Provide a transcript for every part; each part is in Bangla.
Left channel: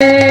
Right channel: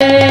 ও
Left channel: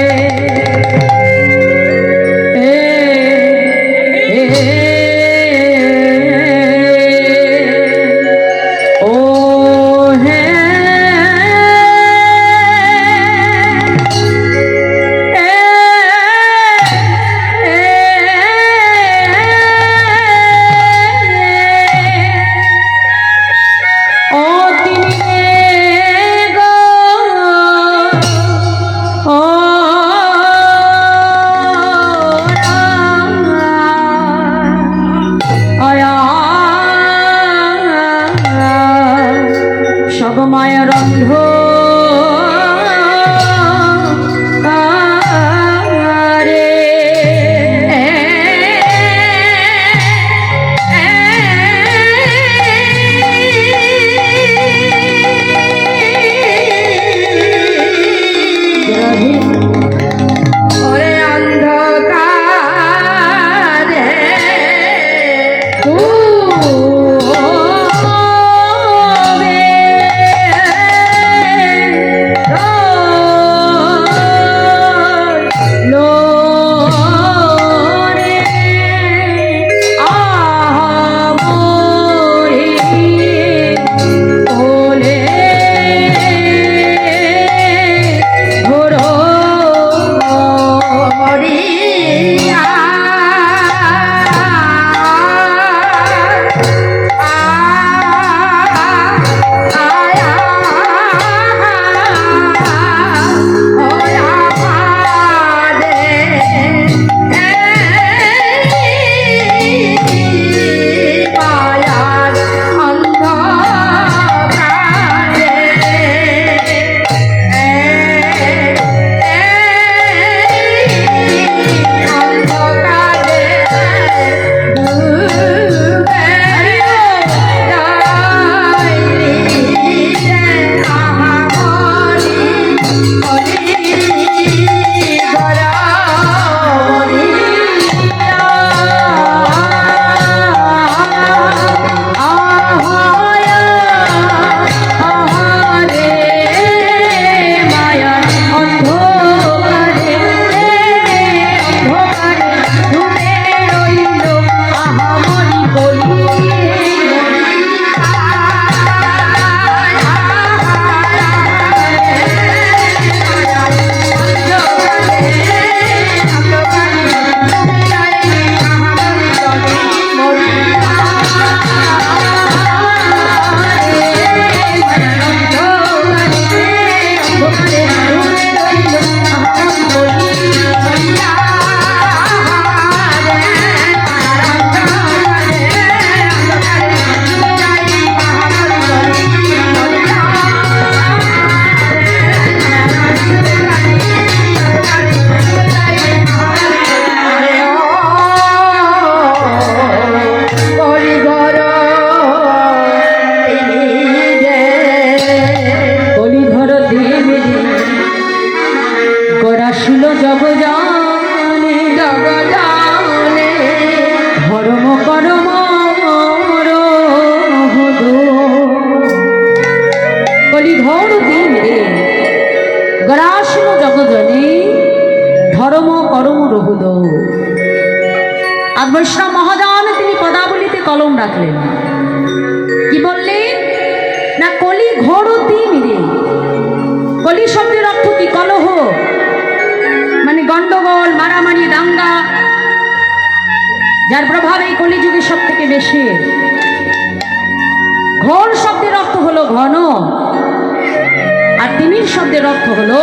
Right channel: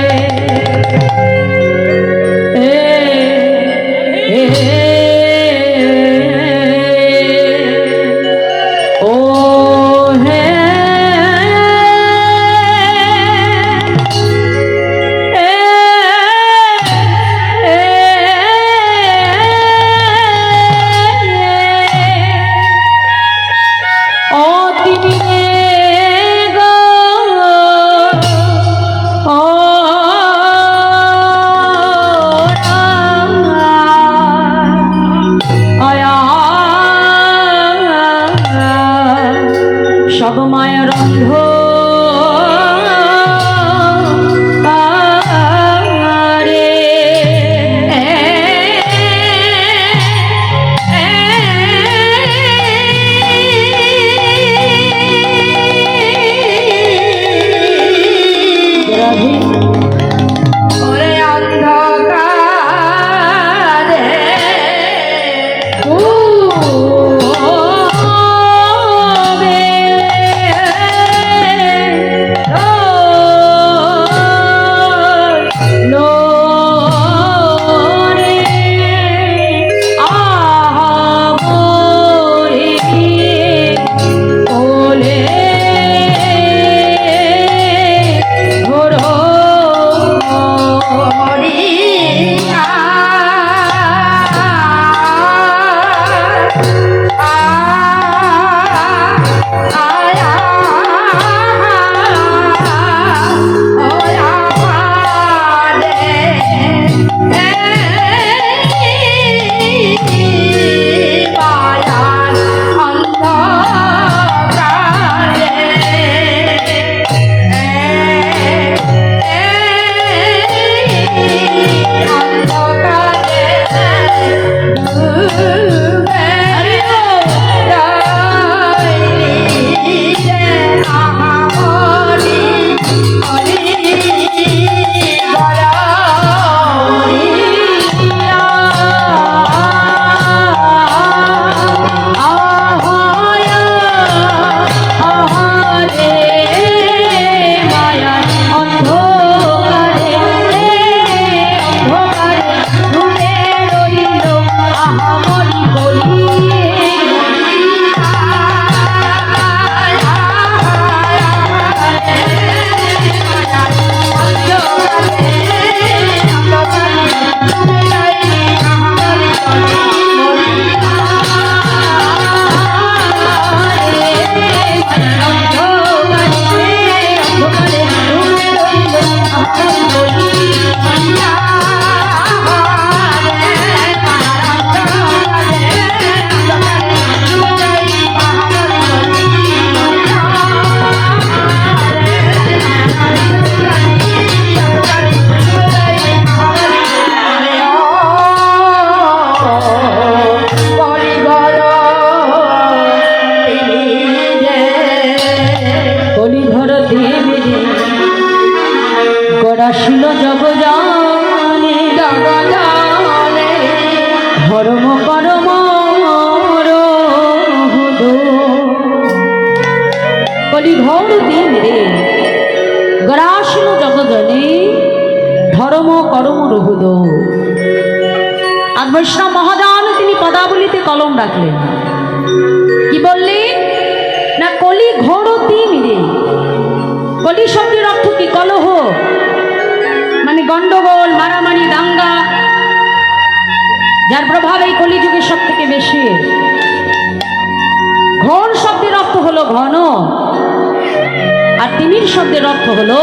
আর তিমির শব্দের অর্থ হলো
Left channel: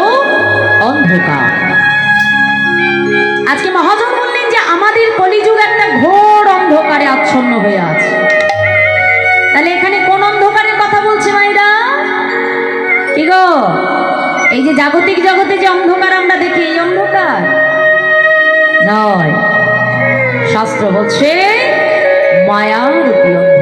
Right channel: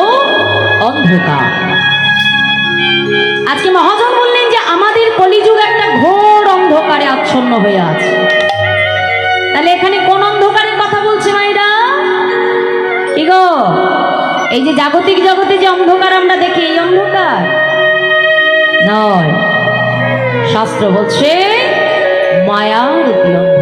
অন্ধকার। আজকে মহাজন বললেন যে আমাদের কলিযুগ একটা ঘোর অন্ধকারে আচ্ছন্ন হয়ে আছে। তাহলে এখানে কোন অন্ধকারের কথা বলছে মাইরা? কি গো এই যে জাগতিক জগতে যে অন্ধকার আমরা দেখি, এই অন্ধকার? নয়। শাস্ত্র বলছে, মায়ারূপী অন্ধকার।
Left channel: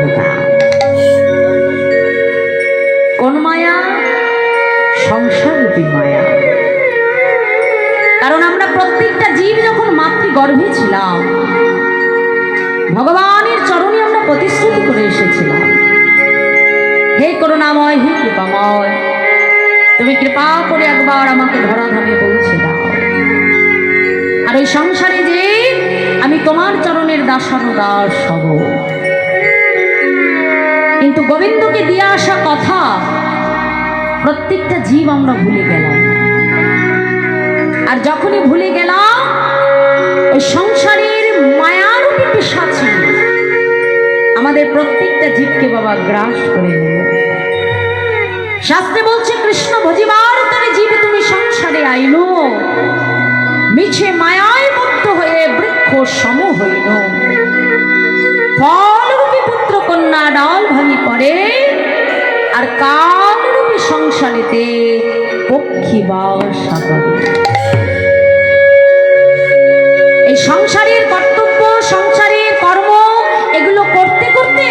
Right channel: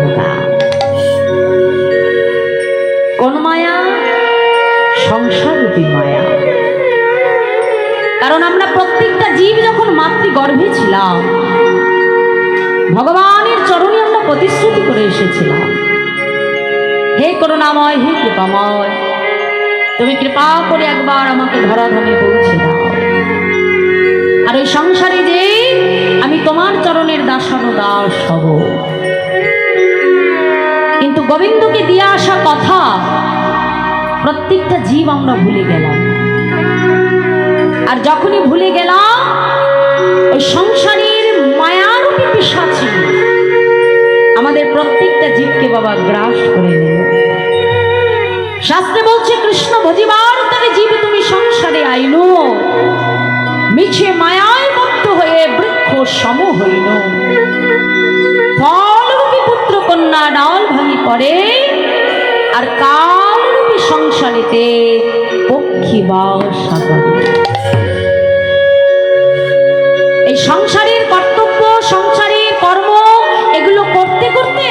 আমরা প্রত্যেকটা জীব যখন মাতৃগর্ভে ছিলাম, ভগবানের চরণে আমরা প্রতিশ্রুতি করে এসেছিলাম। হে করুণাময়, হে কৃপাময়, তুমি কৃপা করে একবার আমাকে ধরাধামে পৌঁছে দাও। আর ওই সংসারে যে আমি তোমার চরণের দাসন দাস হব। কিন্তু গোবিন্দকে দিয়ে আসা কথা প্রত্যেকটা জীব আমরা ভুলে গেলাম। আর যখনই ভুলে গেলাম, ওই সংসারের মায়ারূপী পিসাচি আমাদের প্রত্যেকটা জীবকে বাবা গ্রাস করে নিল। শাস্ত্রে বলছে, কৃষ্ণ ভজিবার তবে জীব তুমি সংসারে আইনো মিছে মায়ায় মুক্ত হয়ে বৃক্ষ সম হইল। ফলরূপী পুত্র কন্যা ডাল ভাঙি পড়ে, আর কালরূপী সংসারেতে পক্ষী বাও সাগরে। এই সংসারের কর্তব্য, সংসারের কর্ম, এগুলো করতে করতে,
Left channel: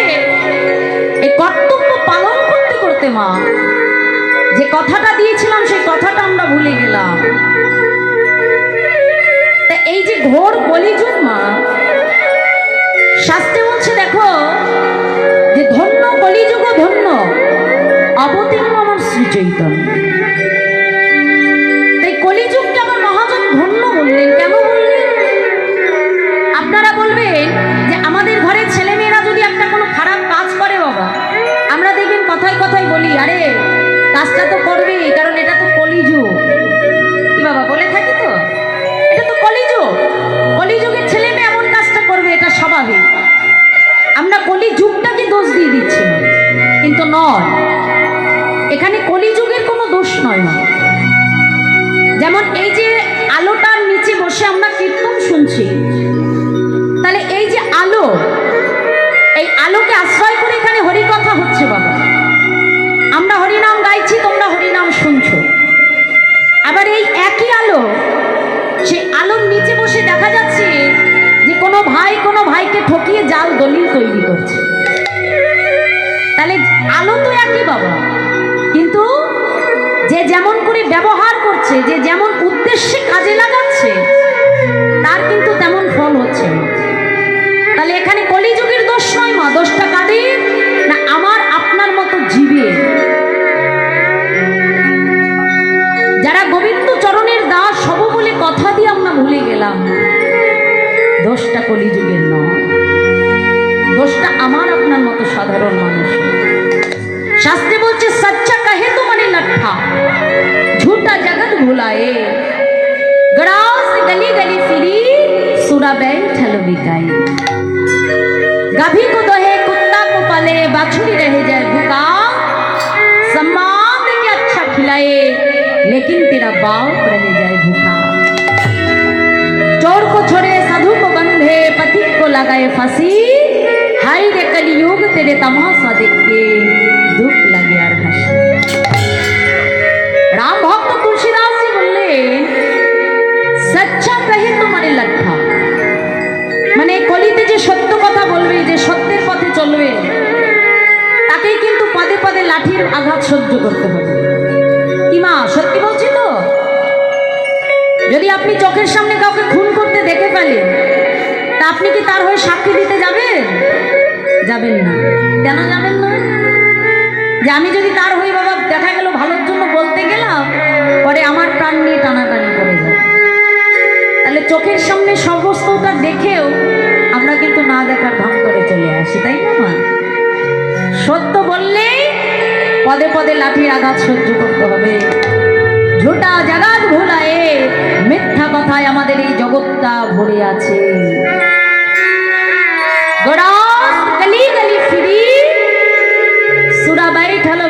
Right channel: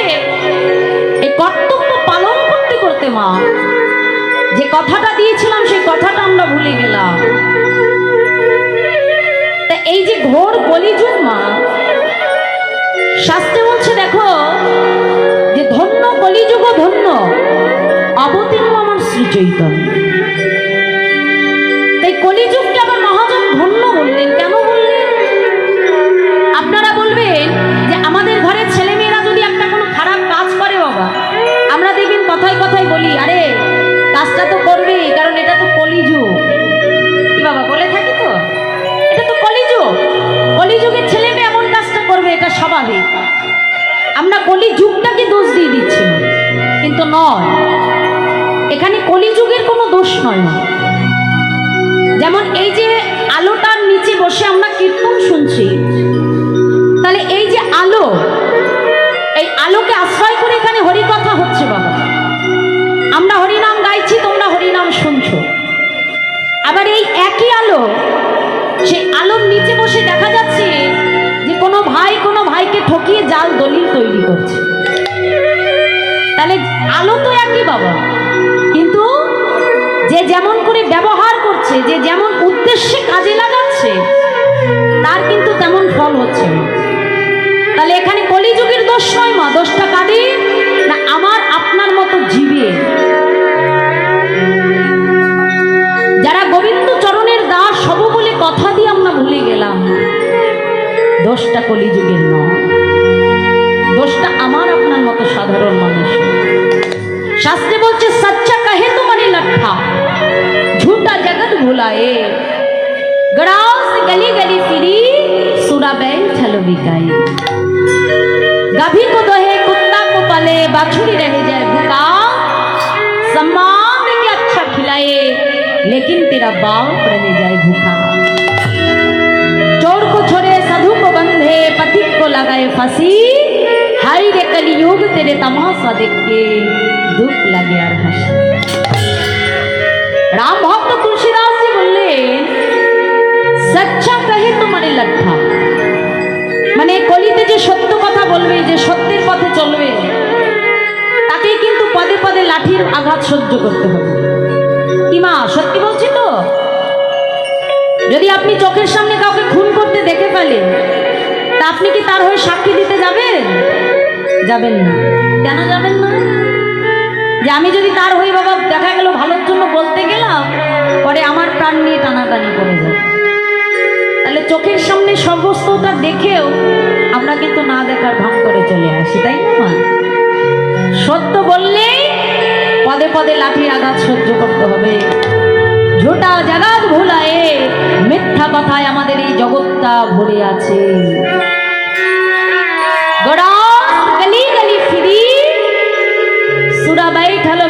এই কর্তব্য পালন করতে করতে, মা, যে কথাটা দিয়েছিলাম, সেই কথাটা আমরা ভুলে গেলাম। তা এই যে ঘোর কলিযুগ, মা, শাস্ত্রে বলছে, দেখো, যে ধন্য কলিযুগ ধন্য, অবতীর্ণ আমার শ্রী চৈতন্য কেন বললেন আপনারা বলবেন যে আমাদের ঘরের ছেলেমেয়েরা যদি একটা কোনো খারাপ কাজ করে বাবা, আমরা দেখবেন কথায় কথায় বলি, আরে, কাজটা তো করবেই কারণ এটা তো কলিযুগ। বাবা, বলে থাকি তো? এটা তো কলিযুগ। কলিযুগের ছেলে মেয়ে এমন কাজটা করবে, এটা স্বাভাবিক। আমরা কলিযুগটাকে দোষ দিয়ে দিচ্ছি কিন্তু নয়, এখানে কলিযুগের কোনো দোষ নয় যেমন এই যে আলোটার নিচে বসে আমরা কীর্তন শুনছি। তাহলে এই যে আলো, এই আলোকে আশ্রয় করে এখানে হরিকথা হচ্ছে বাবা। আমরা হরিনাম গাইছি, তোমরা হরিনাম শুনছো। আবার এই একই আলো, সেই আলোর নিচে বসে দেখা যাচ্ছে যে কোনো ভাই কোনো ভাইকে ঠকিয়ে জাল দলিল তৈরি করছে। তাহলে আলো তো একই বাবা। কিন্তু যে যেমন করে ব্যবহার করছে যে যেমন উদ্দেশ্যে কাজে লাগাচ্ছে, তার কিন্তু তেমন ফল হচ্ছে তাহলে এখানে কলিযুগের দোষ নয় মা, দোষটা কাদের? না আমার, আপনার মতো জীবের। যারা গোবিন্দ চরণের দাস হব বলে কথা দিয়ে আমরা ভুলে গেলাম, দোষটা কলিযুগের নয়। দোষটা আমার, আপনার মতো সাধারণ মানুষ। শাস্ত্রে বলছে, সচ্চা কাহে তোমারে লঠা झूठा भुलाए। गड़ाओ से गली गली फिरी सुना बैंक छलो बिकाए। गाभी को दोहे, कुत्ता को पाले, बाछुरी रह जाए भूखा। सम्मान के अच्छा खिलाए, लेकिन तेरा बाप रह जाए भूखा। चोर को छोड़े, साधु को बंधे, पथिक को लगाए फांसी। हाय रे कलयुग, तेरे तमाशा देख के दुख लगे यार हँसी যে সত্য কথা বলবে, যে সত্যের পথে চলবে। তাকেই কিন্তু পদে পদে লাঠির আঘাত সহ্য করতে হবে। কি মা, সত্যি বলছি তো? যদি আপনি চোখের সামনে কাউকে খুন করতে দেখে ফেলেন, তা আপনি কি তার হয়ে সাক্ষী দিতে যাবেন? যাবেন না। কেন যাবেন না? যে আমি যদি তার হয়ে বাবা দেখা গেল ভালোর জন্য বলতে গেলাম, পরে আমার প্রাণ নিয়ে টানাটানি করে যায় তাহলে চোখের সামনে সমস্তটা দেখেও আমরা কিন্তু না দেখার ভাঙ করে চলে আসি, তাই না সত্য বললে পদে পদে লাঠির আঘাত সহ্য করতে হবে। ঝোটা জাগাত ভোলায়ে, মিথ্যা কথায় আমাদের এই জগৎটা ভরে আছে। গলি গলি ফিরি, সুরা বাইঠালো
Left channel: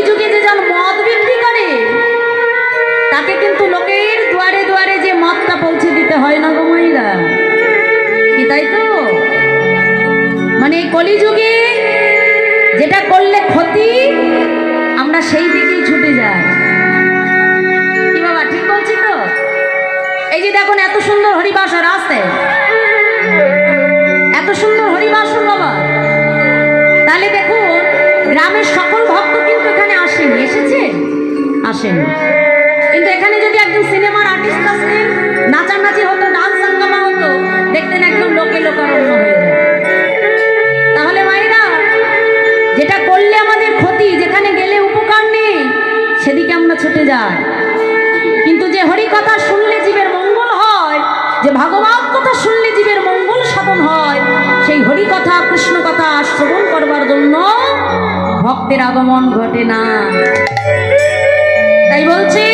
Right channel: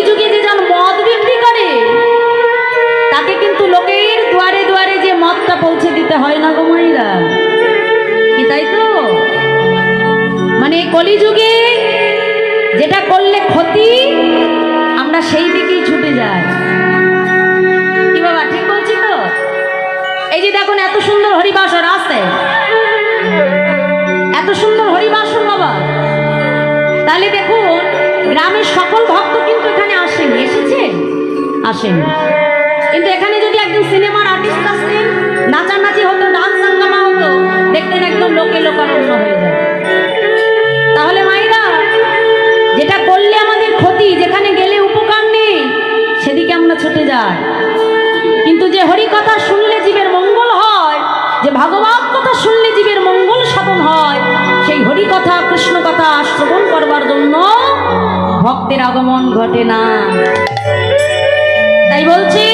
কলিযুগে যে জন মদ বিক্রি করে, তাকে কিন্তু লোকের দুয়ারে দুয়ারে যে মদটা পৌঁছে দিতে হয় না গো মাইরা কি তাই তো? মানে কলিযুগে যেটা করলে ক্ষতি, আমরা সেই দিকেই ছুটে যাই। কি বাবা, ঠিক বলছি তো? এই যে দেখুন, এত সুন্দর হরিবাসর আছে। এত সুন্দর হরিবাসন বাবা। তাহলে দেখুন, গ্রামের সকল ভক্ত আসেনি এসেছে আসেনি। কিন্তু এখানে যদি একজন সিনেমার আর্টিস্ট আসতেন, নাচানাচি হতো, ডান্স হাঙ্গামা হতো, দেখতেন একদম লোকে লোকারণ্য হয়ে যায়। তাহলে মায়েরা যেটা করলে আমাদের ক্ষতি, যেখানে গেলে উপকার নেই, সেদিকে আমরা ছুটে যাই। কিন্তু যে হরি কথা শুনলে জীবের মঙ্গল হয়, যে ভাগবান কথা শুনলে জীবের মঙ্গল সাধন হয়, সেই হরি কথা কৃষ্ণ কথা শ্রবণ করবার জন্য ভক্তের আগমন ঘটে না। তাই বলছি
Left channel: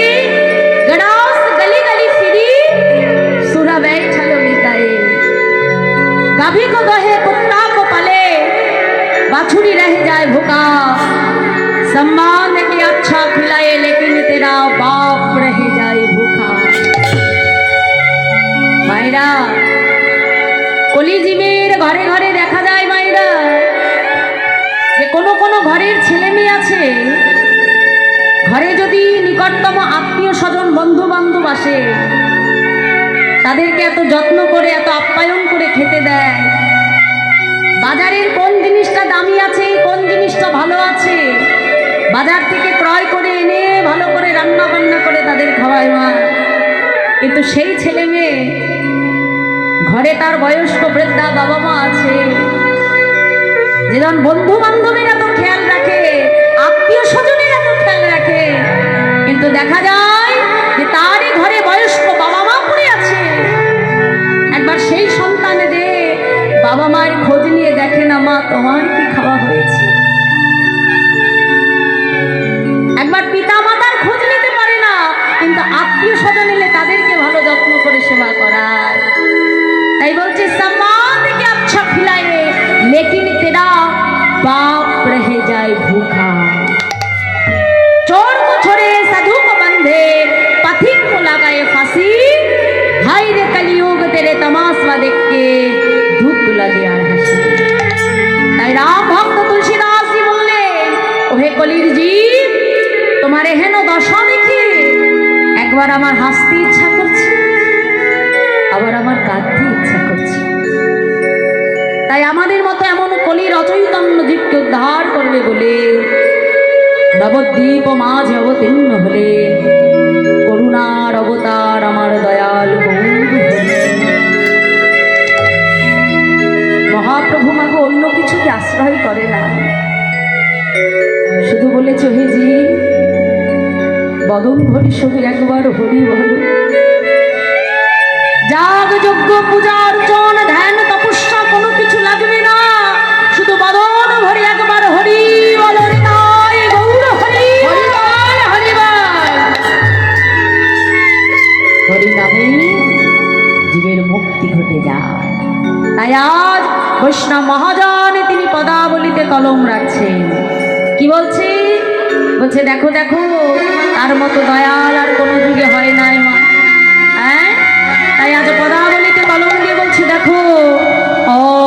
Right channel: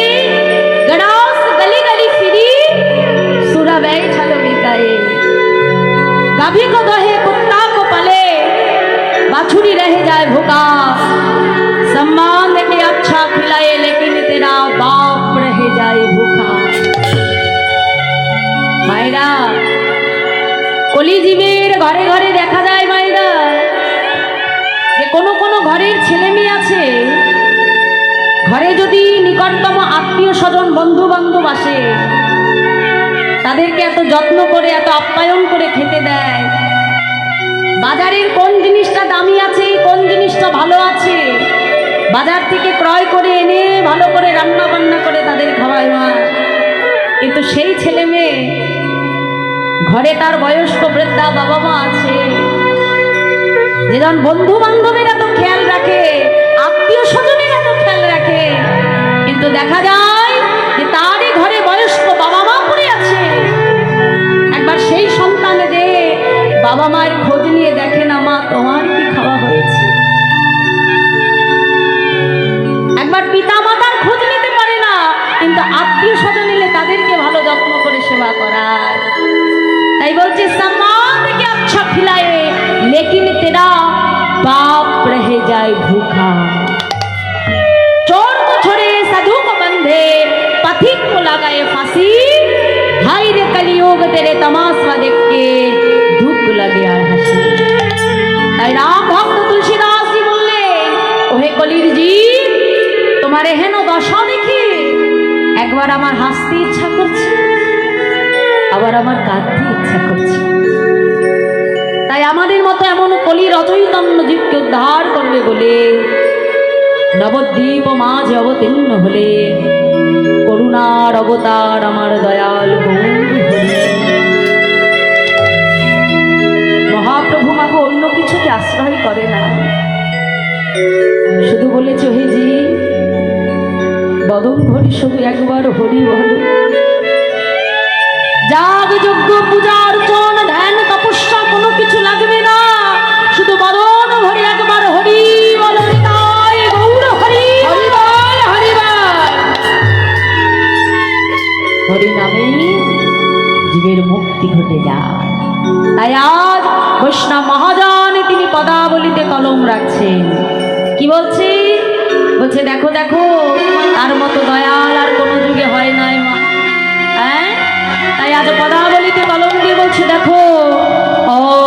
ঘরের ছেলে মেয়ে আছে, ঘরে যদি নিকটতম আত্মীয় স্বজন বন্ধু বান্ধব আসে, তাদেরকে এত যত্ন করে, এত আপ্যায়ন করে খেতে দেয়। বাজারের কোন জিনিসটা দামি আছে, কোন জিনিসটা ভালো আছে, বাজার থেকে ক্রয় করে এনে ভালো করে রান্না বান্না করে তাদের খাওয়ায় মা। কিন্তু সেই ছেলে মেয়ে, ঘরে তার বয়স্ক বৃদ্ধা বাবা মা আছে যেজন বন্ধু বান্ধবের এত খেয়াল রাখে, আত্মীয় স্বজনের এত খেয়াল রাখে। কিন্তু দেখা যায় যে তারই ঘরে বয়স্ক বাবা মা পড়ে আছে। একবার সেই বাবা মায়ের খোঁজ নিয়ে দেখে না, মা, তোমার কি খাওয়া হয়েছে? একবার পিতা মাতার খোঁজ নিতে পারে না, কিন্তু আত্মীয় স্বজন এলে তাদেরকে ভালো যত্ন করে সেবা করায়। তাই বলছে সম্মান কলির জীব, তোমার এহেন দশা দেখে একবার আমার হাসতে ইচ্ছা করছে, আবার আমার কাঁদতে ইচ্ছা করছে। তাই আমাদের মতো এমন কলির অচৈতন্য জীবকে উদ্ধার করবে বলে, নবদ্বীপ মাঝে অবতীর্ণ হলে, করুণার অবতার আমার দয়াল। বদন ভরি শুধু একবার হরি বল। যাগ যজ্ঞ পূজা অর্চন, ধ্যান তপস্যা, কোনো কিছু লাগবে না। শুধু বদন ভরে একবার হরি বল জীবের মুক্তি ঘটে যায়। তাই আজ বৈষ্ণব মহাজন তিনি পদাবলিতে কলম রাখছেন। কি বলছি? বলছে, দেখো দেখো তার মতো দয়াল আর কোনো যুগে হয় নাই মা। হ্যাঁ? তাই আজ পদাবলিতে কলম দিয়ে বলছি, দেখো ধনে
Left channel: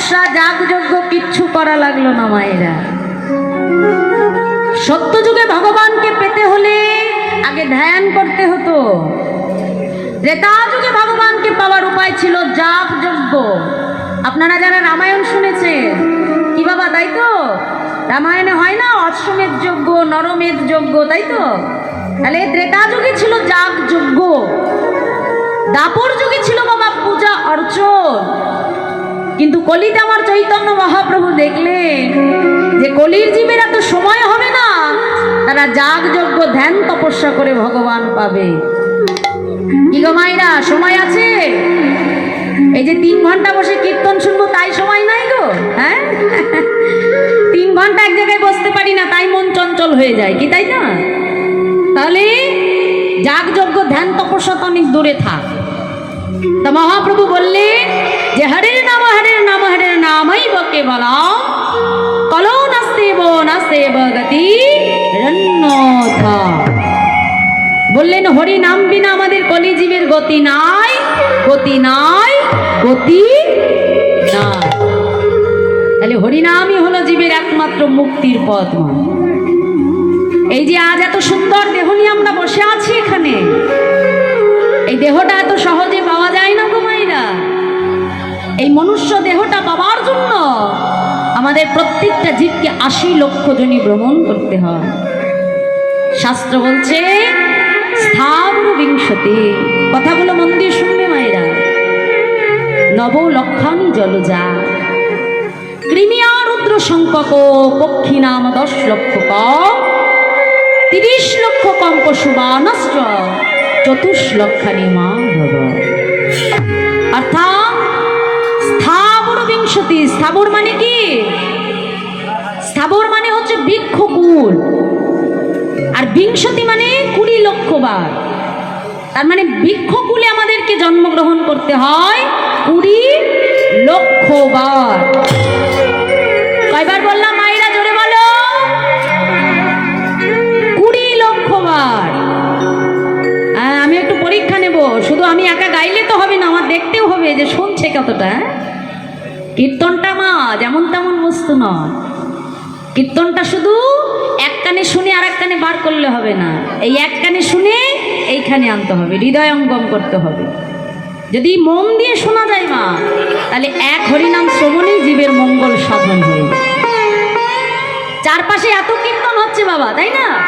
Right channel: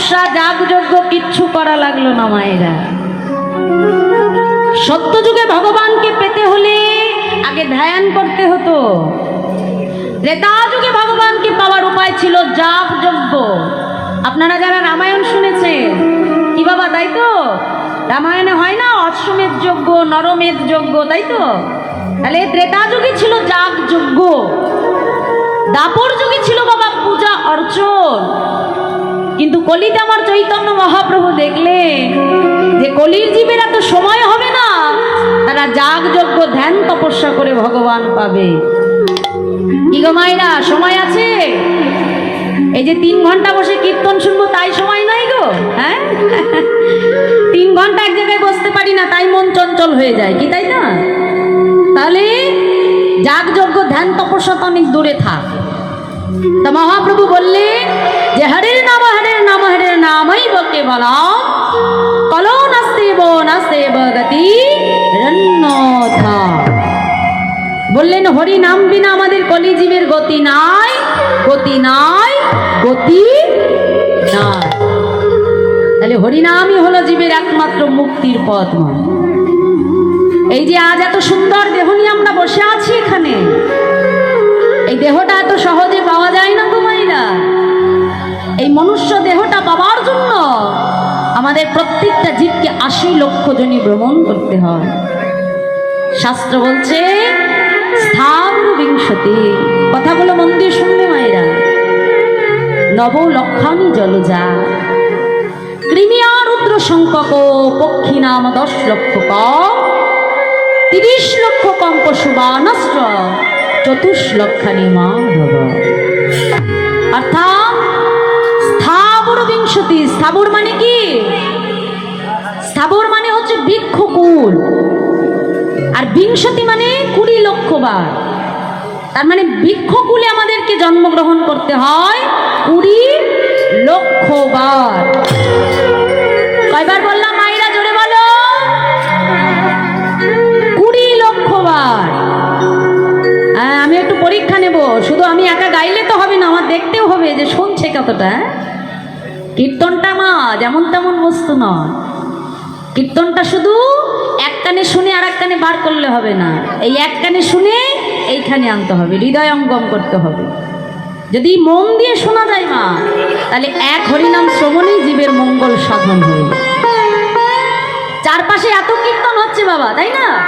তপস্যা যাগযজ্ঞ কিচ্ছু করা লাগল না মায়েরা। সত্য যুগে ভগবানকে পেতে হলে আগে ধ্যান করতে হতো। ত্রেতা যুগে ভগবানকে পাওয়ার উপায় ছিল জাপ যজ্ঞ আপনারা যারা রামায়ণ শুনেছেন, কি বাবা, তাই তো? রামায়ণে হয় না, অশ্বমেধ যজ্ঞ, নরমেধ যজ্ঞ, তাই তো? তাহলে ত্রেতা যুগে ছিল জাপ যজ্ঞ দাপর যুগে ছিল বাবা পূজা অর্চন। কিন্তু কলিতে আমার চৈতন্য মহাপ্রভু দেখলেন যে কলির জীবের এত সময় হবে না, তারা যাগ যজ্ঞ ধ্যান তপস্যা করে ভগবান পাবে। মায়েরা, সময় আছে? এই যে তিন ঘণ্টা বসে কীর্তন শুনব, তাই সময় নাই গো হ্যাঁ? তিন ঘণ্টা এক জায়গায় বসতে পারি না, তাই মন চঞ্চল হয়ে যায়, কি তাই না? তাহলে যাগ যজ্ঞ ধ্যান তপস্যা তো অনেক দূরে থাক। তা মহাপ্রভু বললেন যে হরের বললেন হরি নাম বিনা আমাদের কলিজীবের গতি নাই গতি নাই, গতি তাহলে হরিনামই হলো জীবের একমাত্র মুক্তির পথ এই যে আজ এত সুন্দর দেহ নিয়ে আমরা বসে আছি এখানে, এই দেহটা এত সহজে এই মনুষ্য দেহটা পাওয়ার জন্য আমাদের প্রত্যেকটা জীবকে আশি লক্ষ জনই ভ্রমণ করতে হয়। শাস্ত্র বলছে কথাগুলো মন দিয়ে শুনবে মায়েরা। নব লক্ষানি জলজা। কৃমিয়া রুদ্র সংখ্যক পক্ষী নাম দশ লক্ষ কম। তিরিশ লক্ষ কম পশু বানস্ত্র চতুষ লক্ষানি মা ভব অর্থাৎ বিংশতি স্থাবর মানে কি? স্থাবর মানে হচ্ছে বৃক্ষকুল। আর বিংশতি মানে কুড়ি লক্ষ বার তার মানে বৃক্ষকুলে আমাদেরকে জন্মগ্রহণ করতে হয় কুড়ি লক্ষ বার কয়বার বললাম মায়েরা জোরে বলো? কুড়ি লক্ষ বার হ্যাঁ, আমি একটু পরীক্ষা নেব। শুধু আমি একা গাইলে তো হবে না আমার দেখতেও হবে যে শুনছে কতটা হ্যাঁ? কীর্তনটা মা যেমন তেমন বস্তু নয় কীর্তনটা শুধু এক কানে শুনে আর এক কানে বার করলে হবে না। এই এক কানে শুনে এইখানে আনতে হবে, হৃদয় অঙ্গম করতে হবে। যদি মন দিয়ে শোনা যায় মা, তাহলে এক হরিনাম শ্রবণেই জীবের মঙ্গল সাধন হয়ে। চারপাশে এত কীর্তন হচ্ছে বাবা, তাই না?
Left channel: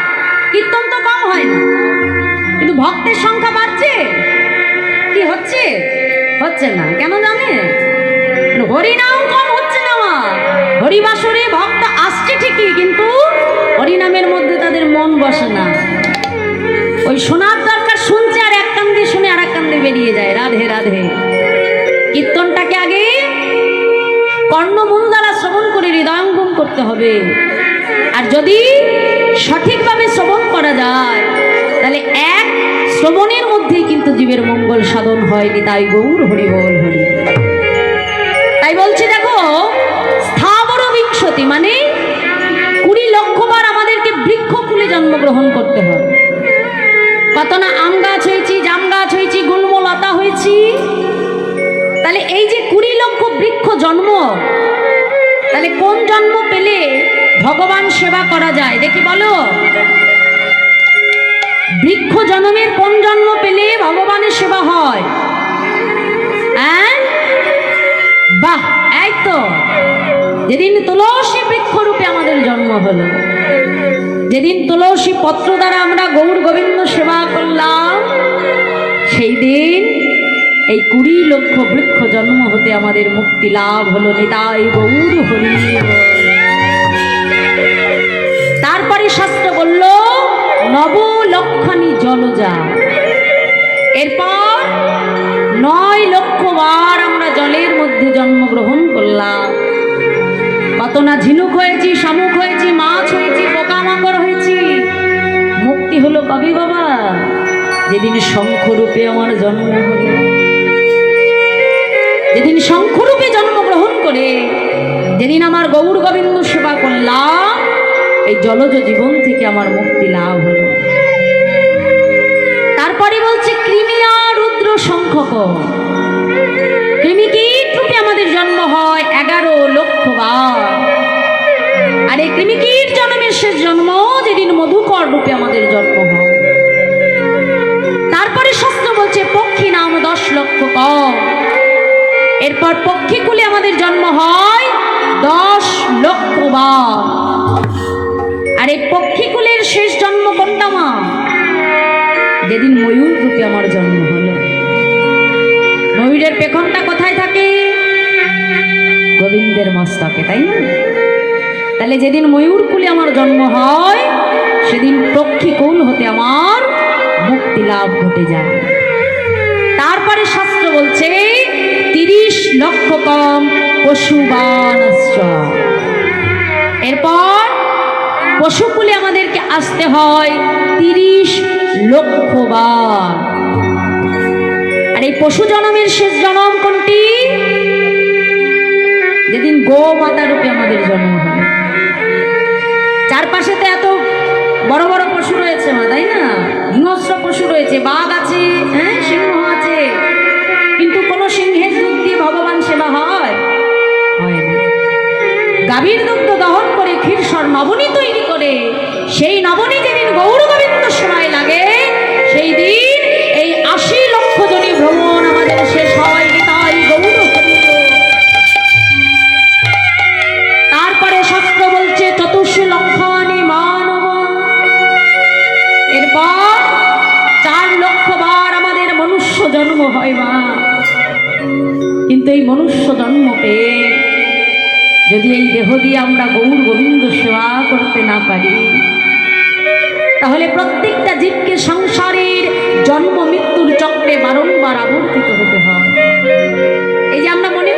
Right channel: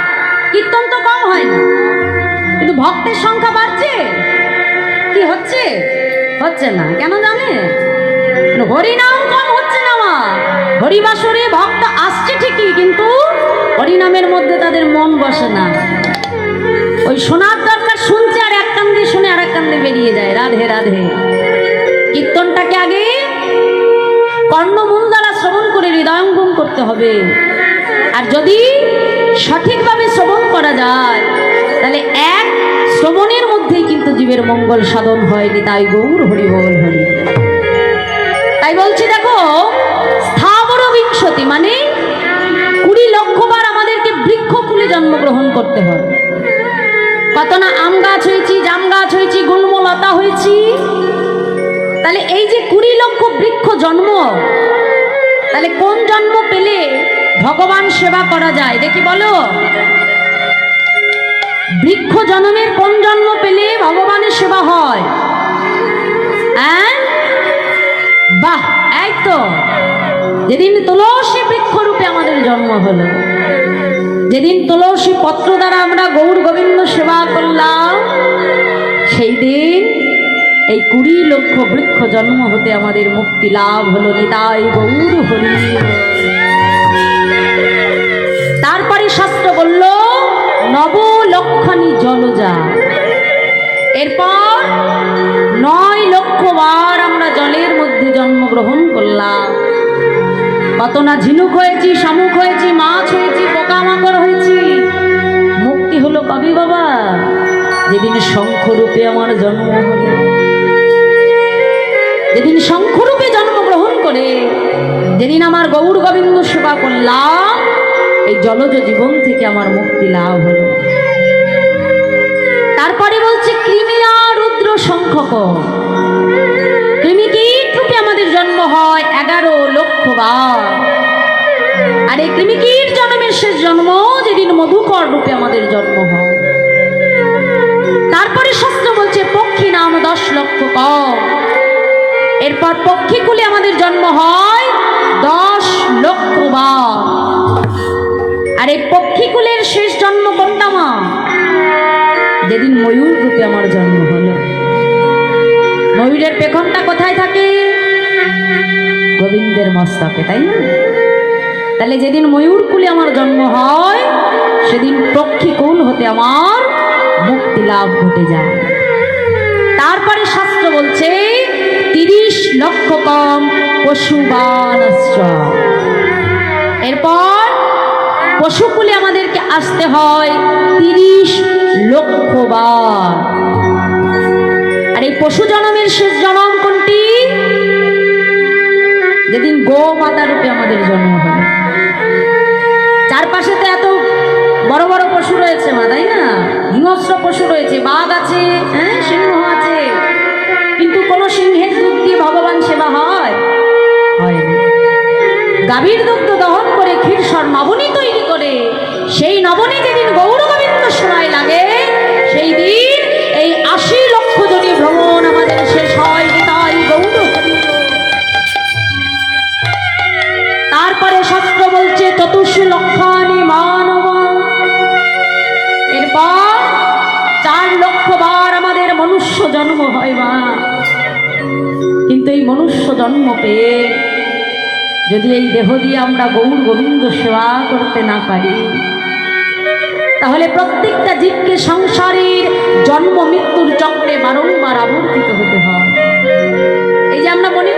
কীর্তন তো কম হয় না। কিন্তু ভক্তের সংখ্যা বাড়ছে। কি হচ্ছে? হচ্ছে না। কেন জানে? হরিনাম কম হচ্ছে না মা। হরিবাসরে ভক্ত আসছে ঠিকই, কিন্তু হরিনামের মধ্যে তাদের মন বসে না। ওই শোনার দরকার শুনছে আর এক কান দিয়ে শুনে আর এক কান দিয়ে বেরিয়ে যায়। রাধে রাধে। কীর্তনটাকে আগে কর্ণমূল দ্বারা শ্রবণ করে হৃদয়ঙ্গম করতে হবে। আর যদি সঠিকভাবে শ্রবণ করা যায়, তাহলে এক শ্রবণের মধ্যেই কিন্তু জীবের মঙ্গল সাধন হয়নি তাই গৌর হরি বল হরি। তাই বলছি দেখো স্থাবর বিংশতি মানে কুড়ি লক্ষ বার আমাদেরকে বৃক্ষকুলে জন্মগ্রহণ করতে হয় কত না আম গাছ হয়েছি, জাম গাছ হয়েছি গুল্মলতা হয়েছি। তাহলে এই যে কুড়ি লক্ষ বৃক্ষ জন্ম, তাহলে কোন জন্ম পেলে ভগবান সেবা করা যায়? দেখি বলো। বৃক্ষ জন্মের কোন জন্ম পেলে ভগবানের সেবা হ্যাঁ? বাহ, এই তো। যেদিন তুলসী বৃক্ষরূপে আমাদের জন্ম হলো, যেদিন তুলসী পত্র দ্বারা আমরা গৌর গোবিন্দ সেবা করলাম, সেই দিন এই কুড়ি লক্ষ বৃক্ষ জন্ম হতে আমাদের মুক্তি লাভ হলো, নিতাই গৌর হরি। তারপরে শাস্ত্র বলল নব লক্ষণী জলজা। এরপর নয় লক্ষ বার জন্মগ্রহণ করলাম। কত না ঝিনুক হয়েছি, শামুক হয়েছি, মাছ হয়েছি, পোকামাকড় হয়েছি। মুক্তি হলো কবি বাবা, যেদিন শঙ্খরূপে আমার জন্ম হলো। যেদিন শঙ্খরূপে জন্মগ্রহণ করে, যেদিন আমার গৌর গোবিন্দ সেবা করলাম, এই জলজ জীবন থেকে আমার মুক্তি লাভ হলো। তারপরে বলছে, কৃমিয়া রুদ্র সংখ্যক আর এই কৃমিকীর জন্মের শেষ জন্ম যেদিন মধুকর রূপে আমাদের জন্ম হয়। তারপরে শাস্ত্র বলছে, পক্ষী নাম দশ লক্ষ কম। এরপর পক্ষীকুলে আমাদের জন্ম হয় দশ লক্ষ আর এই পক্ষীকুলের শেষ জন্ম কোনটা মা? যেদিন ময়ূর রূপে আমার জন্ম হলো। ময়ূরের থাকে গোবিন্দের মস্তকে, তাই না? তাহলে যেদিন ময়ূর কুলে আমার জন্ম হয়, সেদিন পক্ষী কুল হতে আমার মুক্তি লাভ ঘটে যায়। তারপরে শাস্ত্র বলছে, তিরিশ লক্ষ কম পশুবান এরপর পশুকুলে আমাদেরকে আসতে হয় তিরিশ লক্ষ বার। আর এই পশু জনমের শেষ জনম যেদিন গো মাতা রূপে আমাদের জন্ম হয়। চারপাশে তো এত বড় বড় পশু রয়েছে মা, তাই না? হিংস্র পশু রয়েছে, বাঘ আছে হ্যাঁ সিংহ আছে। কিন্তু কোনো সিংহের দুধ দিয়ে ভগবান সেবা হয়? গাভীর দুগ্ধ দহন করে ক্ষীরসর নবনী তৈরি করে, সেই নবনী যেদিন গৌর সেবায় লাগে মানব। এরপর চার লক্ষ বার আমাদের মনুষ্য জন্ম হয় মা। কিন্তু এই মনুষ্য জন্ম পেয়ে যদি এই দেহ দিয়ে আমরা গৌর গোবিন্দ সেবা করতে না পারি, তাহলে প্রত্যেকটা জীবকে সংসারের জন্ম মৃত্যুর চক্রে বারংবার আবর্তিত হতে হয়। এই যে আমরা মনে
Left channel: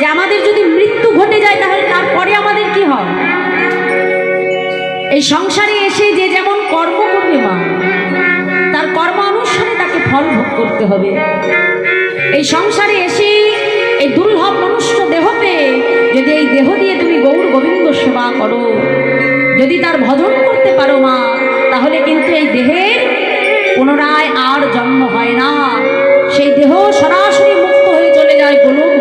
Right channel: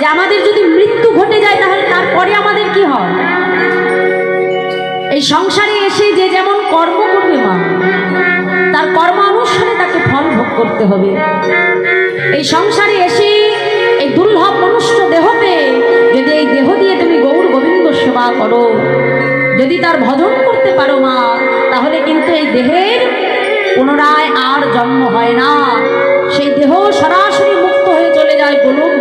যে আমাদের যদি মৃত্যু ঘটে যায় তাহলে তারপরে আমাদের কি হয়? এই সংসারে এসে যে যেমন কর্ম করবে মা তার কর্ম অনুসারে তাকে ফল ভোগ করতে হবে। এই সংসারে এসে এই দুর্লভ মনুষ্য দেহতে যদি এই দেহ দিয়ে তুমি গৌর গোবিন্দ সেবা করো, যদি তার ভজন করতে পারো মা, তাহলে কিন্তু এই দেহের পুনরায় আর জন্ম হয় না। সেই দেহ সরাসরি মুক্ত হয়ে চলে যায় গোলক